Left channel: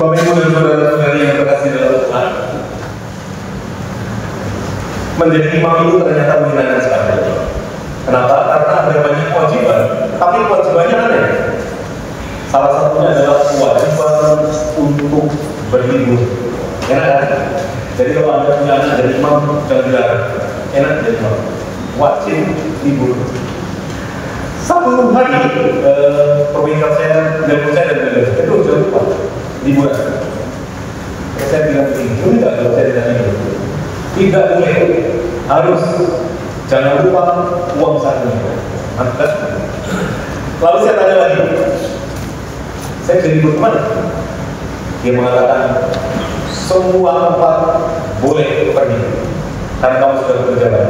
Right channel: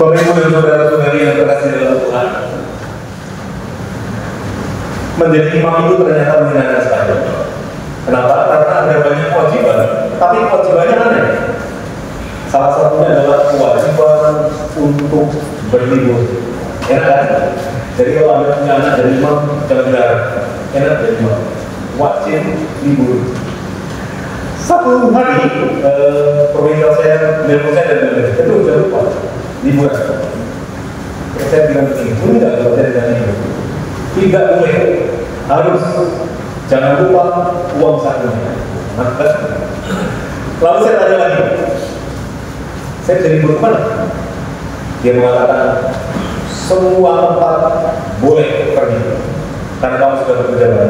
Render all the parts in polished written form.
Bapak Ibu dan saudara-saudari yang terkasih dalam Tuhan, menjadi imam itu ternyata menyenangkan sekali. Kenapa? Karena ada banyak kewajiban, tapi kewajibannya aneh. Salah satunya adalah kewajiban untuk berlibur. Enak kan? Jadi kalau Anda punya anak jadi imam dan gelar, enak jadi imam. Wajib libur. Satu hari, provinsi saya, dan itu sudah lupa. Liburan. Saya bilang begini, tidak kalau saya tidak libur. Tidak boleh, harus jangan lupa uang sakunya. Mantap. Lalu saya tanya lagi, saya bisa libur mana? Dia mengatakan semua tempat boleh pergi karena kamu sudah berjalan.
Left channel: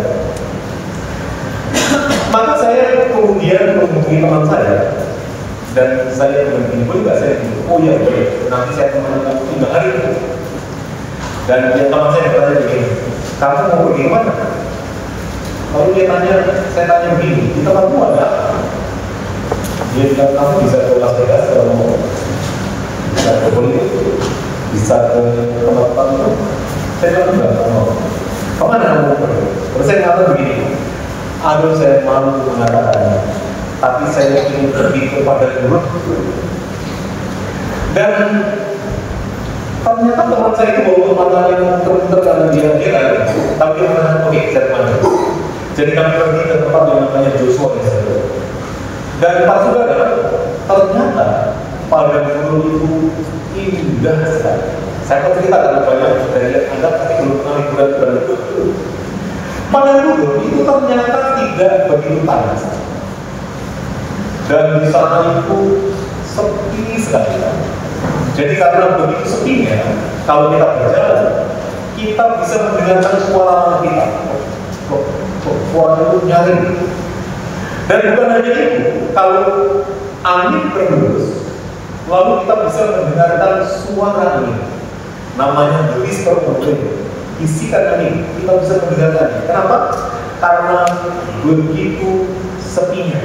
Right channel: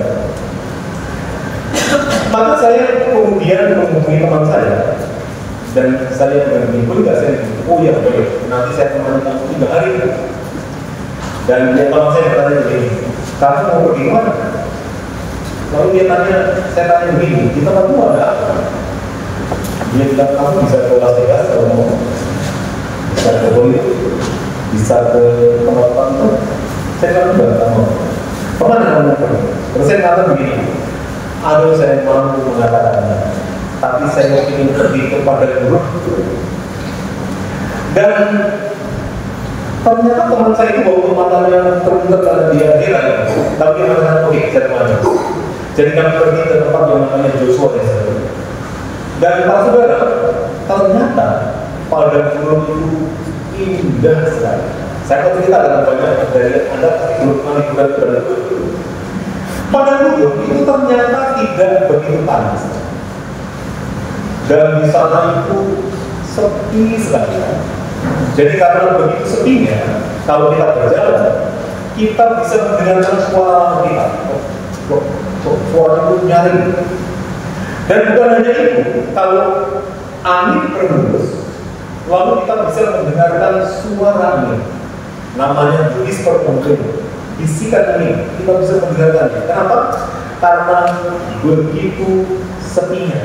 Maka saya kemudian menghubungi teman saya dan saya berhenti, boleh nggak saya bilang, oh iya boleh, nanti saya akan mau 3 hari. Dan dia teman saya bertanya begini, kamu mau pergi mana? Lalu dia tanya, saya tanya begini, di tempatmu ada apa? Dia bilang, kamu bisa ke Las Vegas kalau mau, bisa ke politik, bisa ke tempat kamu. Saya bilang enggak, mau kemana kamu pergi? Terus saya katakan begini, aduh saya malu mengatakannya, tapi saya ingin pergi kepada Guru. Dan ternyata teman saya itu bawa kemana yang terunter dan dia kira, tapi dia mengatakan oke, saya kemana. Jadi kami pergi ke tempat yang namanya Joshua Desa. Dan Pak Saudara, ternyata pada Guru itu indah sekali. Saya akan ceritakan banyak dari Anda tapi belum pernah liburan ke Guru. Pada Guru itu ternyata tidak begitu panas. Dan di sana itu sepi sekali. Jadi karena begitu sepinya, kalau kita berjalan, kita bisa mendengarkan suara kita. Suara itu nyaring. Dan bukan hanya itu, kalau angin berhembus, lalu kita bisa mendengarkan suara angin. Namanya whisper motion, bisikan angin. Kita bisa mendengarkannya. Kenapa? Karena begitu sepinya.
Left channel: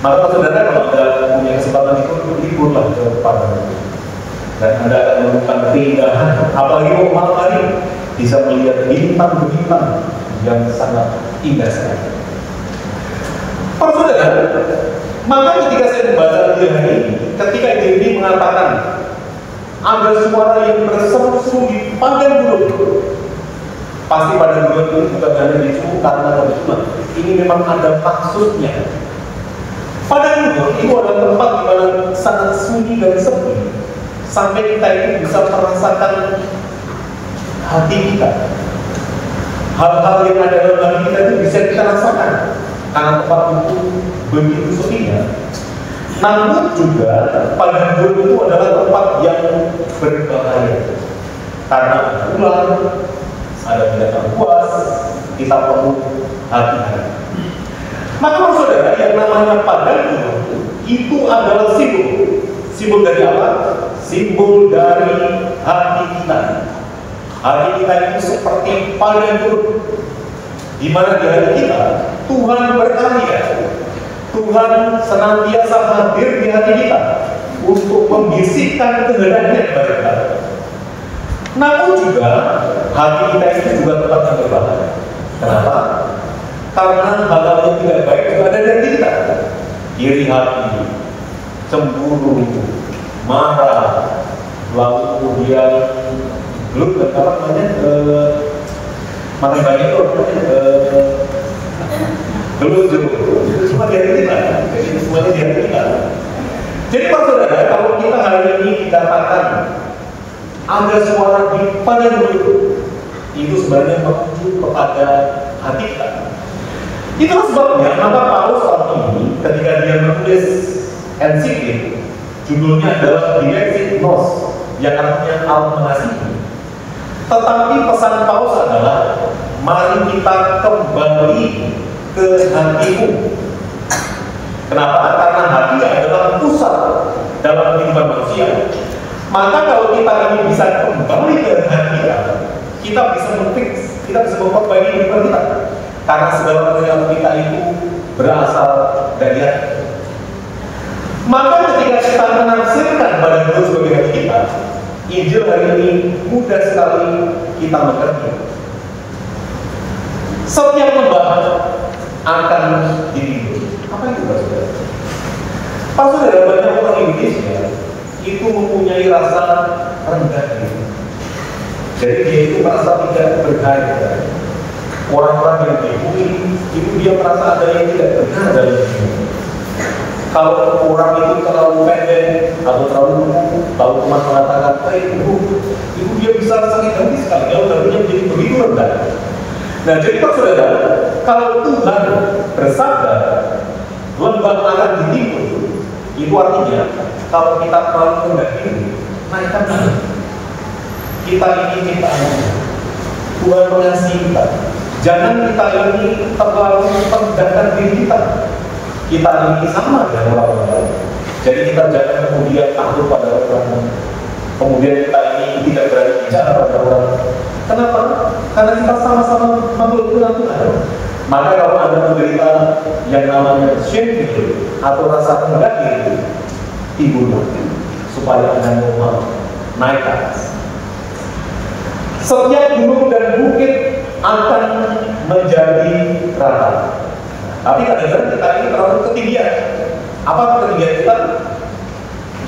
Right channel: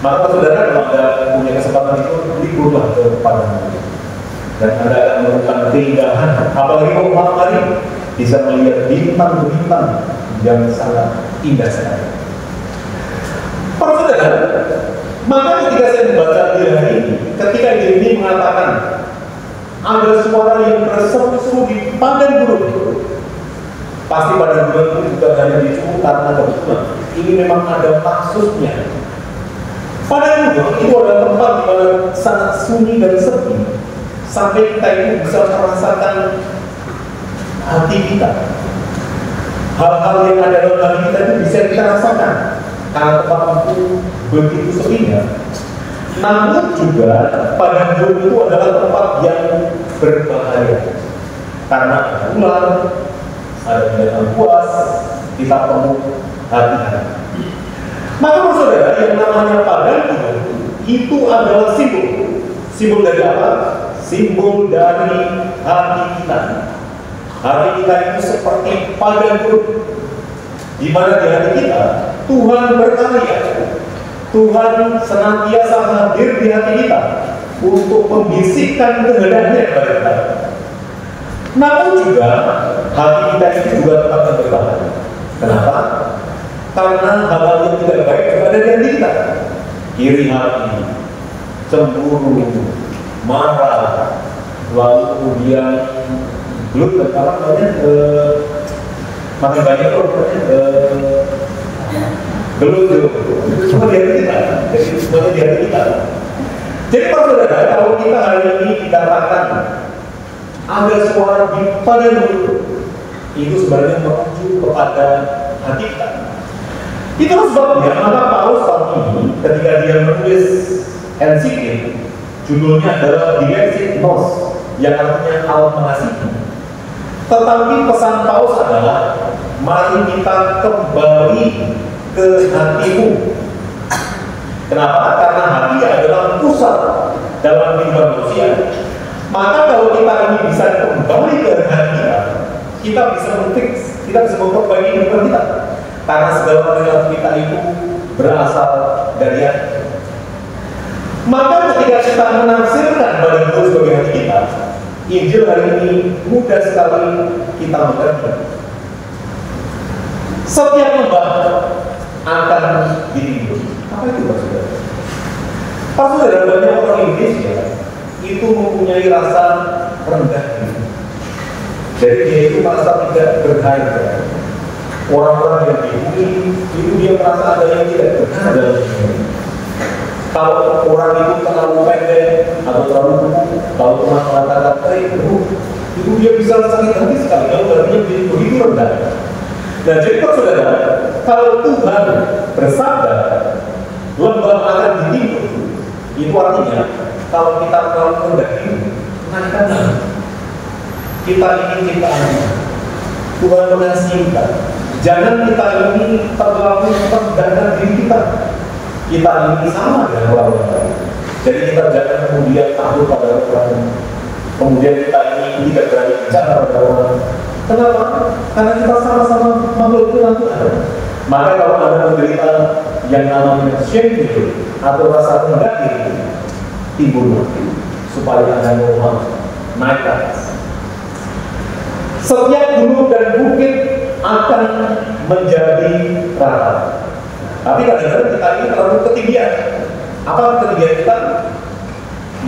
Maka saudara kalau Anda punya kesempatan itu liburlah ke Padang. Dan Anda akan menemukan keindahan. Apalagi kalau malam hari bisa melihat bintang-bintang yang sangat indah sekali. Para saudara, maka ketika saya membaca ide hari ini, ketika ide ini mengatakan ada suara yang berseru di padang gurun, pasti padang gurun itu bukan hanya disuruh karena kebetulan. Ini memang ada maksudnya. Padang gurun itu adalah tempat yang sangat sunyi dan sepi, sampai kita itu bisa merasakan hati kita. Hal-hal yang ada dalam hati kita itu bisa kita rasakan karena tempat itu begitu sepinya. Namun juga padang gurun itu adalah tempat yang berbahaya karena ada ular, ada binatang buas, kita perlu hati-hati. Maka saudara, yang namanya padang gurun itu adalah simbol. Simbol dari apa? Simbol dari hati kita. Hati kita itu seperti padang gurun, di mana di hati kita Tuhan berkarya. Tuhan senantiasa hadir di hati kita untuk membisikkan kehendaknya kepada kita. Namun juga hati kita itu juga tempat yang berbahaya. Kenapa? Karena hal yang tidak baik juga ada di kita. Iri hati, cemburu, marah, lalu kemudian gelut, apa namanya? Mana banyak loh, gelut itu semua di hati kita. Jadi semuanya di hati kita. Jadi Pak Saudara, kalau kita hari ini dikatakan ada suara di padang gurun, itu sebenarnya menuju kepada hati kita. Itulah sebabnya maka Paulus saat ini ketika dia menulis NCK, judulnya adalah Dilexit Nos, yang artinya al-mengasihi. Tetapi pesan Paulus adalah mari kita kembali ke hatimu. Kenapa? Karena hati adalah pusat dalam kehidupan manusia. Maka kalau kita ini bisa kembali ke hati kita bisa memfix, kita bisa memperbaiki kehidupan kita. Karena segala perilaku kita itu berasal dari hati. Maka ketika kita menafsirkan padang gurun sebagai hati kita, Injil hari ini mudah sekali kita mengerti. Setiap lembah akan ditimbun. Apa itu maksudnya? Saudara, banyak orang Indonesia itu mempunyai rasa rendah diri. Jadi dia itu merasa tidak berharga. Orang-orang yang dibully itu dia merasa ada yang tidak benar dalam dirinya. Kalau orang itu terlalu pendek atau terlalu kuku, kalau cuma mengatakan itu dia bisa sakit hati sekali. Kalau darinya menjadi begitu rendah. Nah, jadi Pak Saudara, kalau Tuhan bersabda lembah akan ditimbun, itu artinya kalau kita terlalu rendah diri, naikkan lagi. Kita ingin ciptaannya. Tuhan mengasihi kita. Jangan kita ini terlalu tergantung diri kita. Kita ini sama dengan orang lain. Jadi kita jangan kemudian takut pada orang. Kemudian kita ini tidak berani bicara pada orang. Kenapa? Karena kita sama-sama memiliki Tuhan. Maka kalau ada menderita yang namanya shame atau rasa rendah diri, timbul supaya Anda normal, naik ke atas. Setiap gunung dan bukit akan menjadi rata. Tapi kadang-kadang kita ini terlalu ketinggian. Apa ketinggian kita?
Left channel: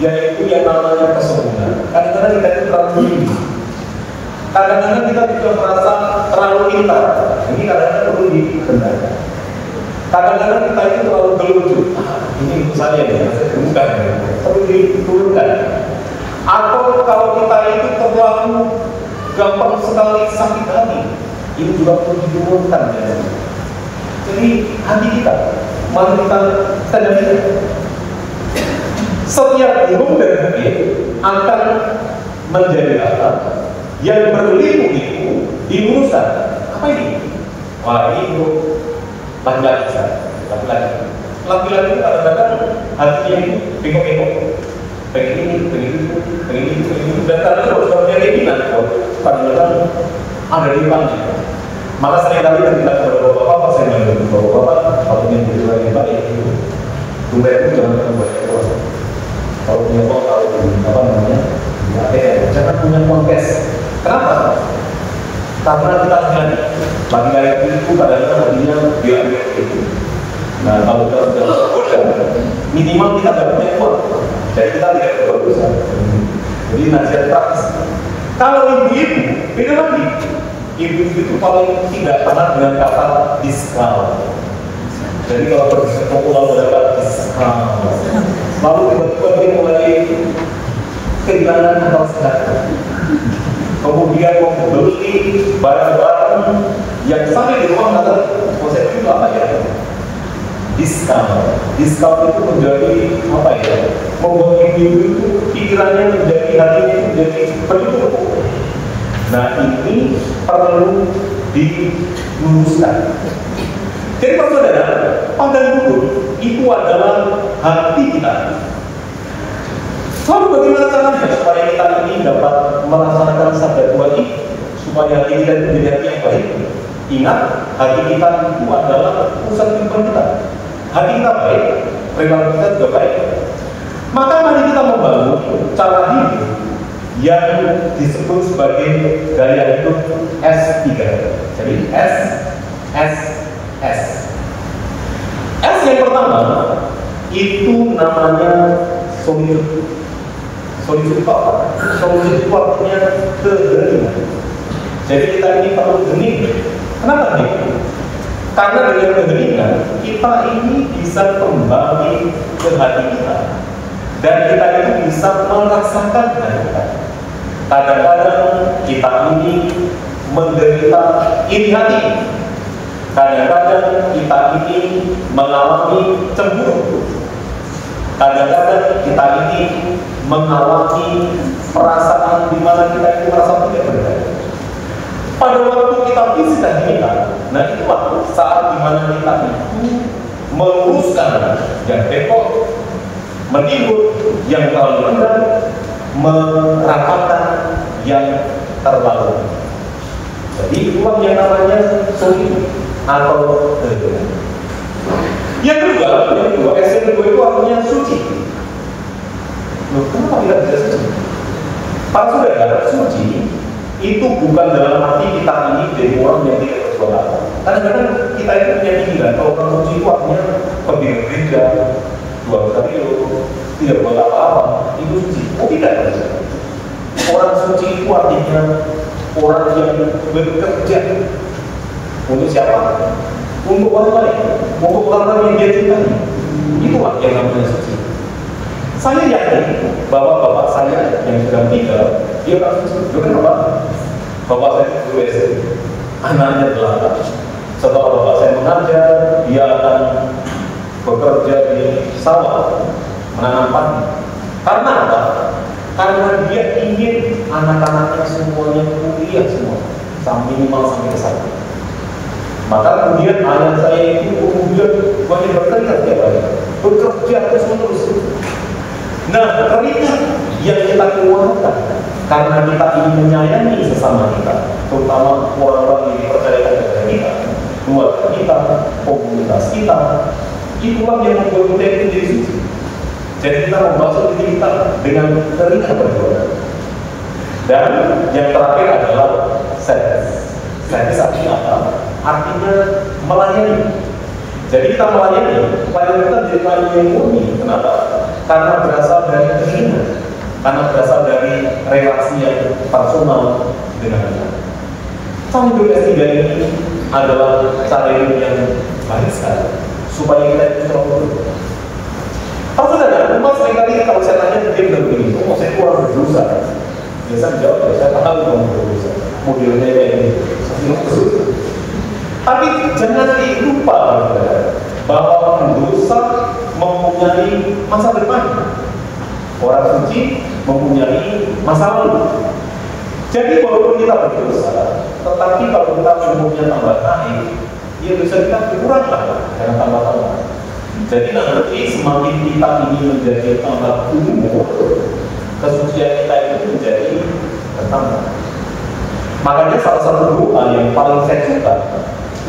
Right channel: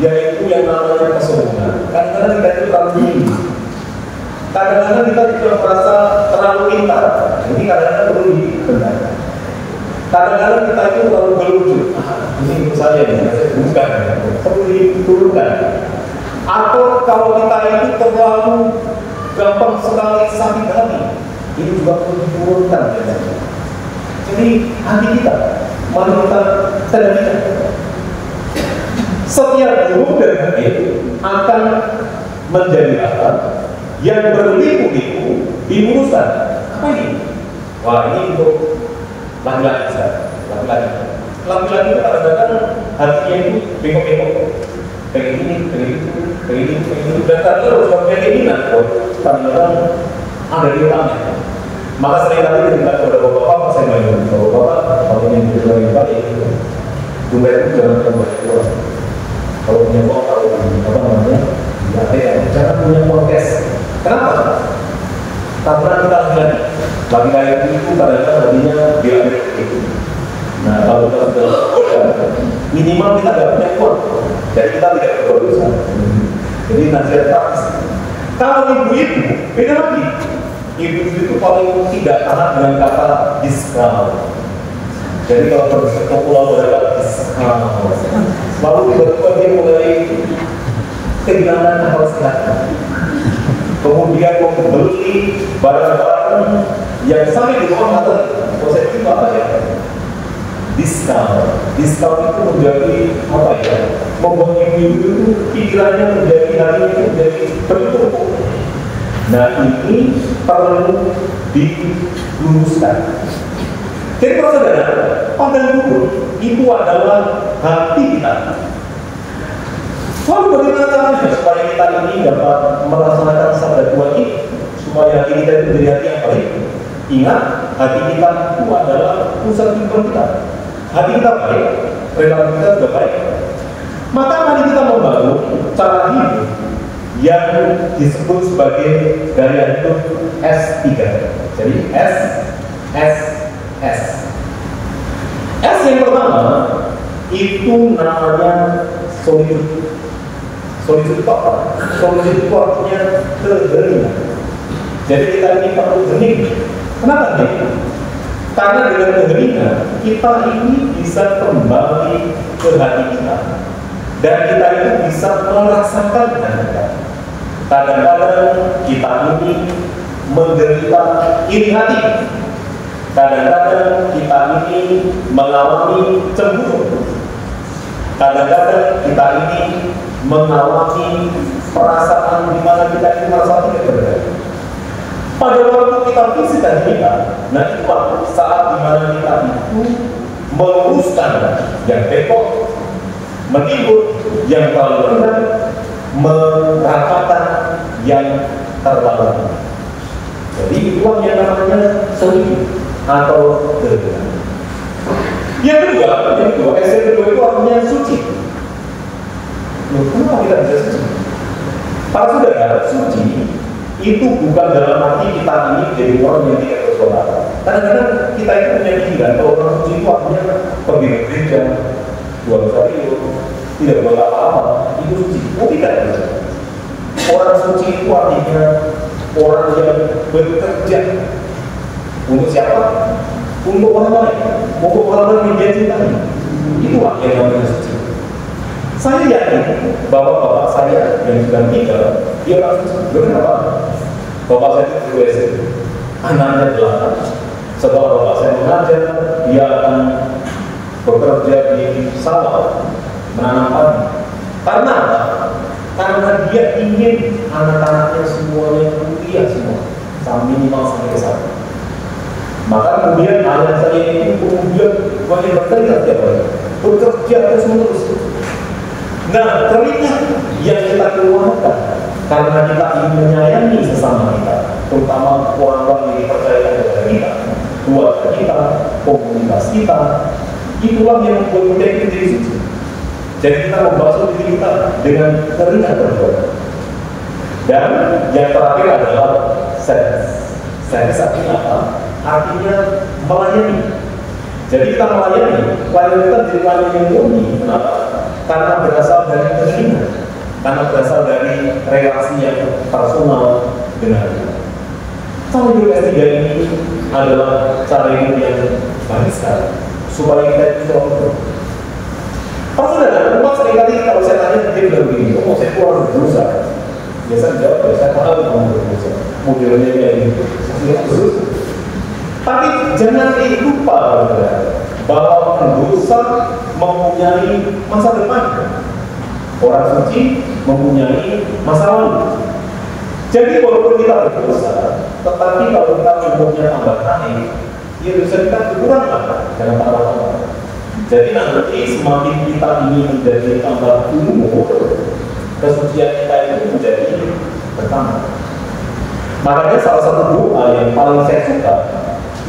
Yaitu yang namanya kesombongan. Kadang-kadang kita itu terlalu tinggi. Kadang-kadang kita tidak merasa terlalu pintar. Jadi kadang-kadang perlu dibenarkan. Kadang-kadang kita itu terlalu gelucu. Ini itu saja ya, bukan ya. Perlu diturunkan. Atau kalau kita itu terlalu gampang sekali sakit hati, ini juga perlu diturunkan ya. Jadi hati kita, mari kita sadari setiap gunung dan bukit akan menjadi rata. Yang berliku-liku dimuruskan. Apa ini? Wah, ini untuk laki-laki. Laki-laki itu kadang-kadang hatinya ini bengok-bengok. Pengen ini, pengen itu, pengen ini, pengen itu. Dan kadang-kadang kalau pengen ini, kadang-kadang ada di rumahnya. Maka seringkali kita berdoa, saya jangan berdoa, kalau yang berdoa yang baik itu, doa itu jangan terbaik doa. Kalau punya doa, kalau apa namanya, jangan punya podcast. Kenapa? Karena kita lihat laki-laki itu kadang-kadang baginya diambil itu. Nah, kalau kita sudah minimal kita tidak punya uang, jadi kita tidak berdosa. Jadi nasihat praktis. Kalau ibu-ibu beda lagi. Ibu-ibu itu paling tidak tahan dengan kata diskal. Jadi kalau pergi ke pulau adalah diskal. Lalu tiba-tiba dia mulai kehilangan akal sehat. Kemudian membeli barang-barang yang sampai di rumah proses juga ya. Diskal itu menjadi apa ya? Membuat ibu itu pikirannya menjadi hari itu menjadi berubah. Nah, ini perlu diluruskan. Jadi Pak Saudara, pandang bubur itu adalah hati kita. Lalu bagaimana caranya supaya kita ini dapat melaksanakan sabda Tuhan ini, supaya hati kita menjadi hati yang baik? Ingat, hati kita itu adalah pusat kehidupan kita. Hati kita baik, relasi kita juga baik. Maka mari kita membangun cara hidup yang disebut sebagai gaya hidup S3. Jadi S. S yang pertama itu namanya solitude. Solitude itu apa? Solitude itu artinya keheningan. Jadi kita ini perlu hening. Kenapa hening? Karena dengan keheningan kita ini bisa kembali ke hati kita. Dan kita ini bisa merasakan dengan kita. Kadang-kadang kita ini menderita iri hati. Kadang-kadang kita ini mengalami cemburu. Kadang-kadang kita ini mengalami perasaan di mana kita itu merasa tidak berdaya. Pada waktu kita fisik dan kita, nah itu saat di mana kita itu meluruskan yang bengkok, menimbun yang terlalu rendah, merapatkan yang terlalu. Jadi itulah yang namanya solitude atau keheningan. Yang kedua, S yang kedua itu artinya suci. Loh, kenapa kita bisa suci? Para saudara, suci itu bukan dalam arti kita ini jadi orang yang tidak berdosa. Kadang-kadang kita itu punya pikiran kalau orang suci itu artinya pergi ke gereja, dua kali itu tidak berdoa apa-apa, itu suci. Oh tidak. Orang suci itu artinya orang yang bekerja untuk siapa? Untuk orang lain, untuk orang lain yang dia cintai. Itulah yang namanya suci. Saya yakin bapak-bapak saya yang sudah meninggal, dia orang suci. Kenapa? Bapak saya itu WC, anaknya 8. Setelah bapak saya mengajar, dia akan bekerja di sawah, menanam padi. Karena apa? Karena dia ingin anak-anaknya semuanya kuliah semua, minimal sampai ke sana. Maka kemudian anak saya itu kemudian banyak berkeringat ya Pak, bekerja terus-menerus. Nah, keringat yang kita keluarkan karena kita ingin menyayangi sesama kita, terutama orang-orang yang percaya kepada kita, keluarga kita, komunitas kita, itulah yang membuat kita menjadi suci. Jadi kita membasuh diri kita dengan keringat berdoa. Dan yang terakhir adalah service. Service artinya apa? Artinya melayani. Jadi kita melayani, lalu kita jadi melayani murni. Kenapa? Karena berasal dari keinginan, karena berasal dari relasi yang personal dengan Tuhan. Cara hidup S3 ini adalah cara hidup yang baik sekali, supaya kita itu selalu. Kalau saudara, rumah seringkali kalau saya tanya dia bilang begini, oh saya kurang berdosa. Biasa jawab, saya tahu kamu berdosa. Modelnya kayak gitu, saya khusus. Tapi jangan lupa bahwa pendosa mempunyai masa depan. Orang suci mempunyai masa lalu. Jadi walaupun kita berdosa, tetapi kalau kita umurnya tambah naik, ya bisa kita berkurang dengan tambah-tambah. Jadi nanti semakin kita ingin menjadi tambah umur, kesucian kita itu menjadi bertambah. Makanya salah satu doa yang paling saya suka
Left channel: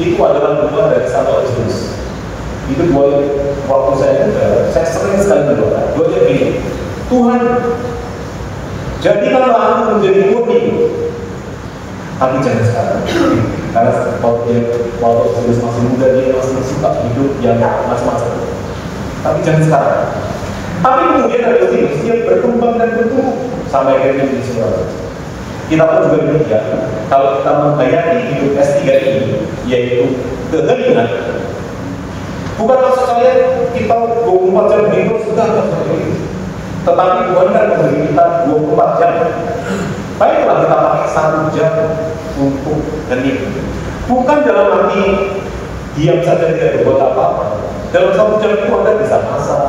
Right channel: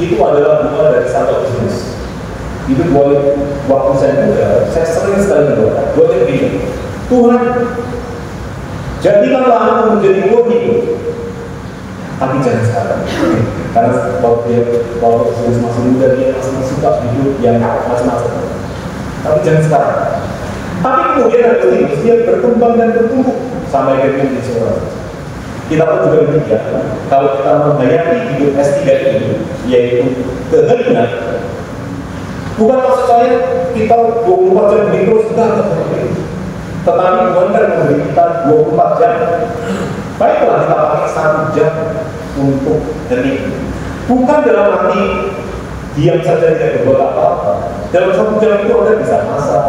itu adalah doa dari Santo Agustinus. Itu doa waktu saya muda, saya sering sekali berdoa. Doa begini, Tuhan, jadikanlah aku menjadi murni, tapi jangan sekarang. Karena waktu Agustinus masih muda, dia masih suka hidup yang macam-macam. Tapi jangan sekarang. Tapi kemudian Agustinus dia berkembang dan bertumbuh sampai akhirnya di surga. Kita pun juga demikian. Kalau kita menghayati hidup S3 ini, yaitu keheningan, bukan maksudnya kita 24 jam minggu sudah, tetapi Tuhan kan memberi kita 24 jam. Baiklah kita pakai 1 jam untuk hening. Bukan dalam arti diam saja tidak berbuat apa-apa. Dalam 1 jam itu Anda bisa masak,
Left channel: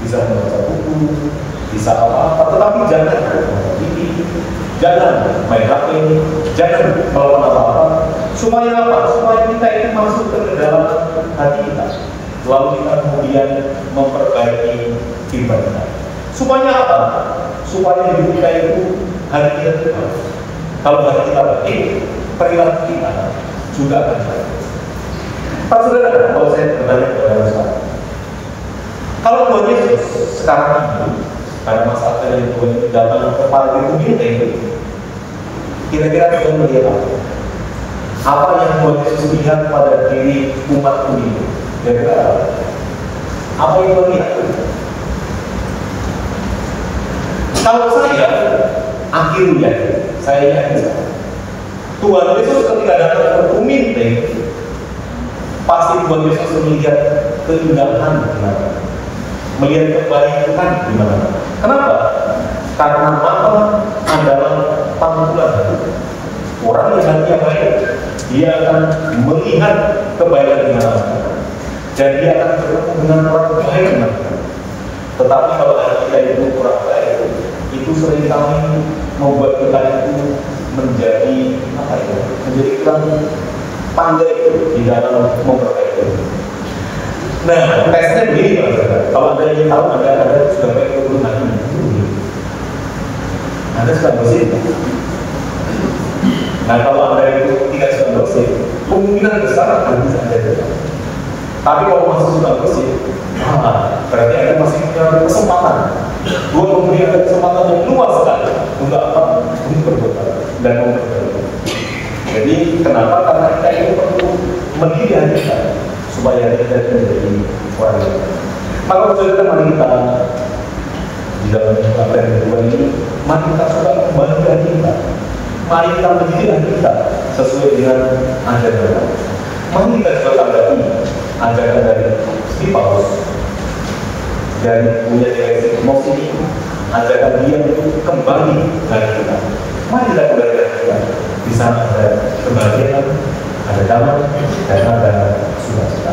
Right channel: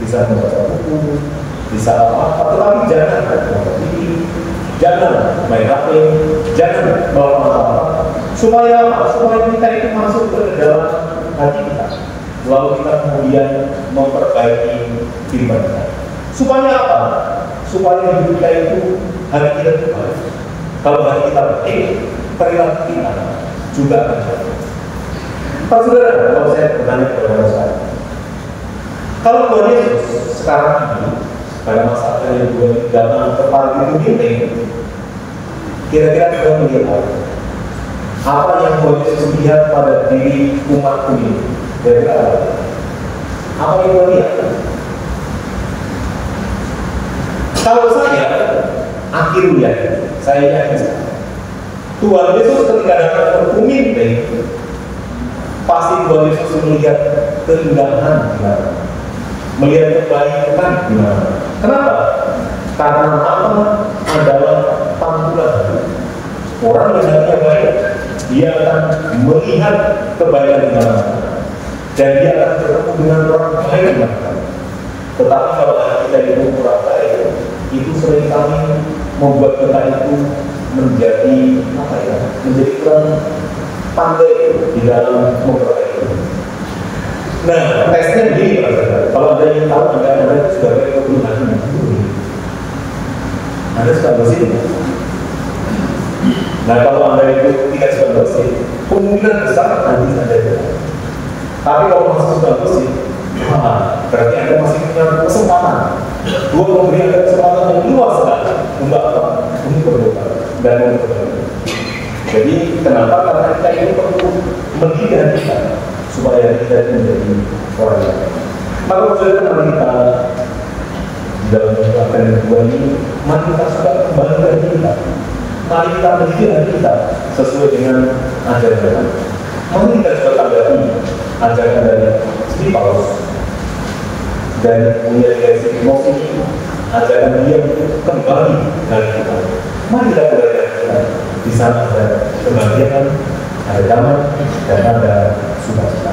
bisa membaca buku, bisa apa-apa, tetapi jangan jangan main HP, jangan melakukan apa-apa. Supaya apa? Supaya kita itu masuk ke dalam hati kita. Lalu kita kemudian memperbaiki diri kita. Supaya apa? Supaya hidup kita itu hadir Tuhan. Kalau hati kita baik, perilaku kita juga akan baik. Pak saudara, kalau saya bertanya kepada saudara, kalau Tuhan Yesus sekarang ini, karena masalah yang Tuhan datang ke paling penting, kira-kira Tuhan melihat apa? Apa yang Tuhan Yesus lihat pada diri umat ini? Kira-kira apa yang Tuhan lihat? Kalau saya, akhirnya saya yakin Tuhan Yesus ketika datang ke bumi ini, pasti Tuhan Yesus melihat keindahan di mana, melihat kebaikan di mana. Kenapa? Karena apa adalah panggilan. Orang yang hatinya baik, dia akan melihat kebaikan di mana, dan dia akan bertemu dengan orang baik di mana. Tetapi kalau kita itu kurang baik, itu seringkali membuat kita itu menjadi apa ya? Menjadi kurang pandai di dalam memperbaiki. Nah, tesnya begini Pak Saudara. Kalau Anda ingin tahu Anda sebagai guru hati, Anda suka bersih. Nah, kalau Anda itu tidak suka bersih, kemungkinan besar Anda bisa ada. Tapi kalau masih suka bersih, berarti Anda masih punya kesempatan. Dua memberikan kesempatan yang luas sekali untuk apa? dan memperbaiki. Jadi kenapa? Karena kita ini perlu mendidik kita supaya kita menjadi orang yang. Kalau saudara kita di dalam apa yang kedua ini, mari kita sudah kembalikan kita, mari kita mendidik kita sesuai dengan ajaran. Mari kita coba tanggapi ajaran dari Sri Paulus dan punya direksi emosi ini, ajaran dia kembali dari kita. Mari kita belajar kita bisa ada kebahagiaan, ada damai, dan ada sukacita.